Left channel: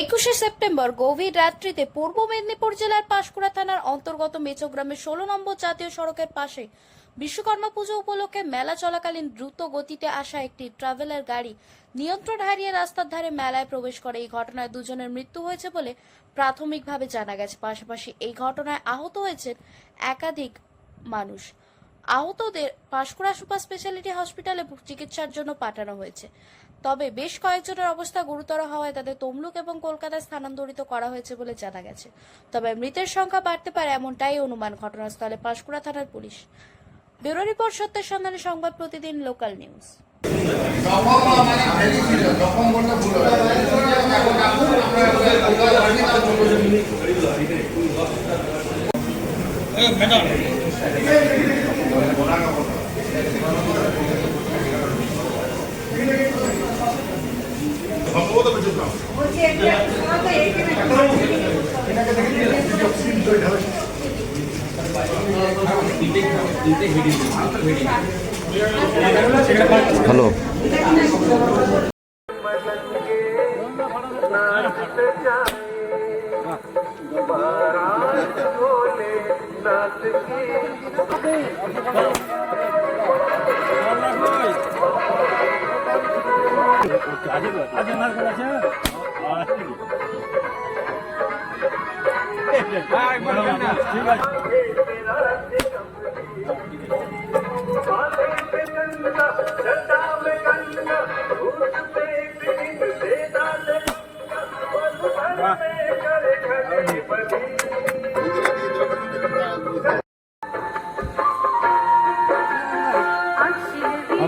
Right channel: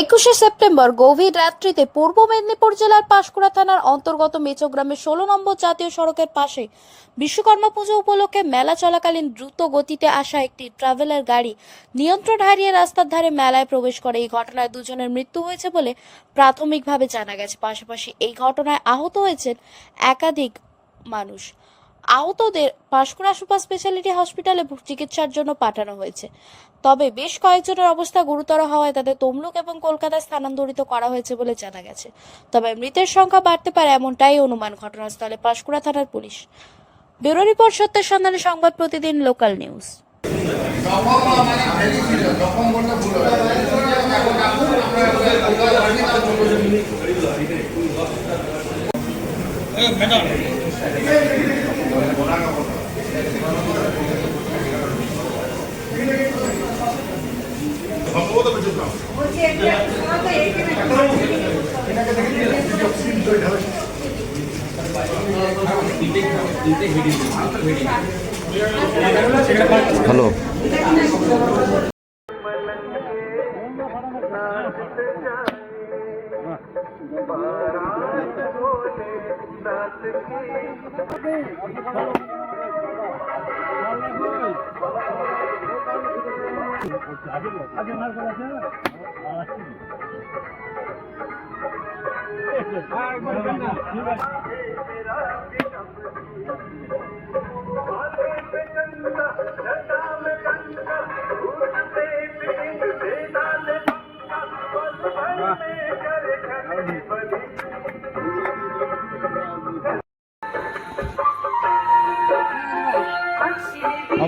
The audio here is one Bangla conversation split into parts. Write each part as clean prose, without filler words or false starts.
একুশে সেপ্টেম্বর গভীর রাত্রিতে পূর্ব মেদিনীপুর জেলার পাঁশকুড়া থানার অন্তর্গত মেচগ্রামের 16 নম্বর জাতীয় সড়কের পাশে বিশ্বকর্মা পুজো উপলক্ষে মেলা চলাকালীন দ্রুত গতিতে আসা একটি ট্রাভেলার গাড়ি নিয়ন্ত্রণ হারিয়ে রাস্তার ধারে মেলায় প্রবেশ করে। এই ঘটনায় দুজনের মৃত্যু হয়েছে বলে প্রাথমিকভাবে জানা গেছে। পাশাপাশি এই ঘটনায় আহত হয়েছেন একাধিক মানুষ। আহতদের পাঁশকুড়া সুপার স্পেশালিটি হসপিটালে চিকিৎসার জন্য পাঠানো হয়েছে। তবে বেশ কয়েকজনের অবস্থা গুরুতর হওয়ায় তাদের তমলুক এবং কলকাতায় স্থানান্তরিত করা হয়েছে বলে জানা গেছে। তবে মৃতের সংখ্যা বাড়তে পারে এমনটাই অনুমান। ঘটনাস্থলে পাঁশকুড়া থানার পুলিশ। ব্যুরো রিপোর্ট, সত্যের সন্ধানে সংবাদ প্রতিদিন, লোকাল নিউজ। হ্যালো,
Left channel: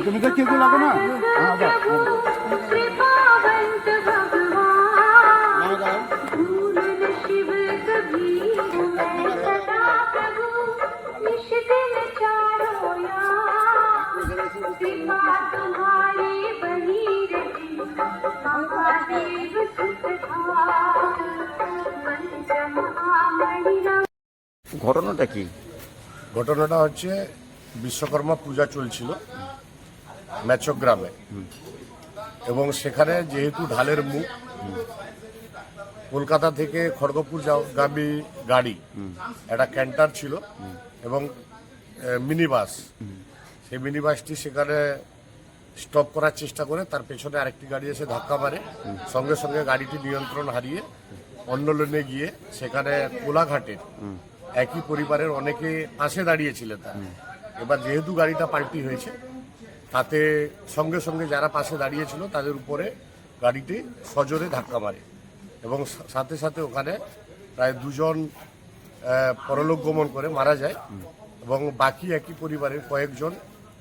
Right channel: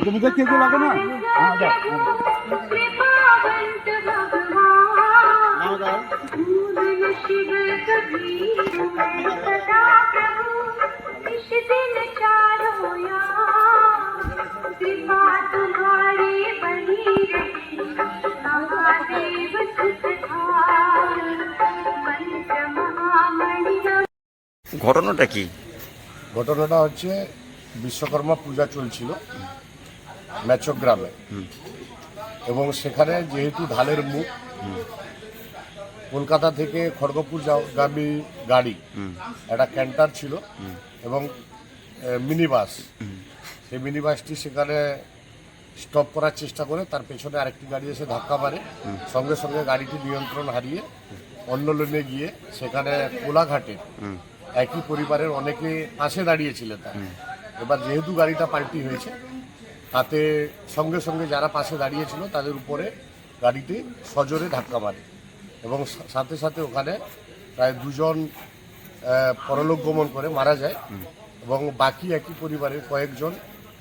তুমি তো কেউ লাগো না। ঘটনাটা কি? ঘটনাটা হচ্ছে বিশ্বকর্মা পূজা চলছিল মেচগ্রামে, এবং সেখানে যেহেতু ঢালের মুখ, কলকাতা থেকে খড়গপুর যাওয়াগামী গাড়ি একটা ক্যান্টার ছিল এবং মিনি বাস, সেই মিনি বাসটি সেখানে স্টপ করার চেষ্টা করে তার পেছনে আরেকটি গাড়ি এসে ধাক্কা মারে। সঙ্গে সঙ্গে গাড়িটি নিয়ন্ত্রণ হারিয়ে অন্য লেনে গিয়ে সেখানে কোলাঘাটের একই পরিবারের অনেকে পাশে দাঁড়িয়েছিলেন তার। এবার যেহেতু গাড়িটা পাল্টি হয়েছে, তাতে সঙ্গে সঙ্গে যারা পাশে দাঁড়িয়েছিল তাদের উপরে গাড়িটি সজোরে ধাক্কা মারে এবং সাথে সাথে ওখানে প্রায় দুজন পরলোক গমন করে মারা যায় এবং বাকি একই পরিবারের কয়েকজন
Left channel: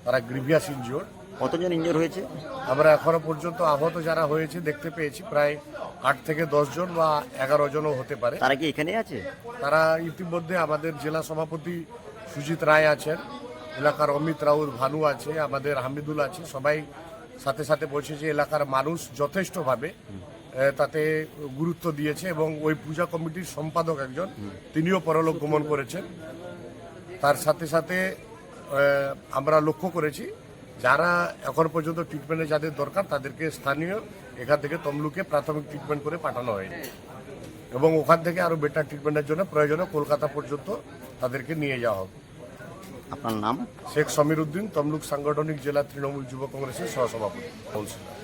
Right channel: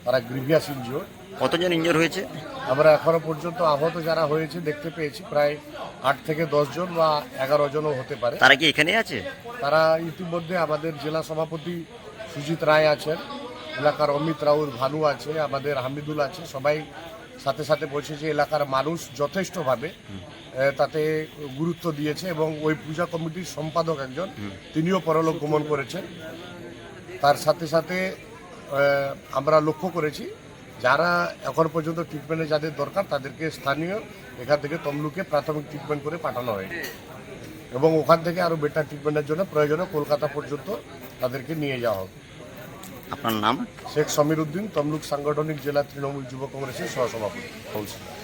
তারা গ্রিভিয়াস ইনজিওর্ড। কতজন ইনজিওর হয়েছে? আমরা এখনো পর্যন্ত আহত যারা হয়েছে দেখতে পেয়েছি প্রায় 8 থেকে 10 জন বা 11 জনও হতে পারে। তারা কি এখানে আছে? তারা ইতিমধ্যে আমাদের জেলা সভাপতি সুজিত রায় আছেন, এলাকার অমিত রাউত ভানু আছে, আমাদের হামিদুল আছে, সবাই সাথে সাথে বলছে যে এলাকার মানুষ যথেষ্টভাবে তাতে গুরুত্ব দিয়েছে এবং ওই পূজা কমিটির সম্পাদক একজন তিনিও পরলোক গমন করেছেন। তার সাথে সাথে আমরা লক্ষ্য করেছি যারা এখন পর্যন্ত ট্রিটমেন্টে যাদের দরকার তাদেরকে স্থানীয় এখান থেকে তমলুকে প্রাথমিক ট্রিটমেন্ট করে পাঠানো হয়নি এবং ওখান থেকে আরও বেটার ট্রিটমেন্টের জন্য প্রয়োজনে কলকাতা পর্যন্ত তাদেরকে নিয়ে যাওয়া হবে। আপনার নাম? শেখ সমীর উদ্দিন, তমলুক সাংগঠনিক জেলা তৃণমূল যুব কংগ্রেসের সহসভাপতি, কাউন্সিলর।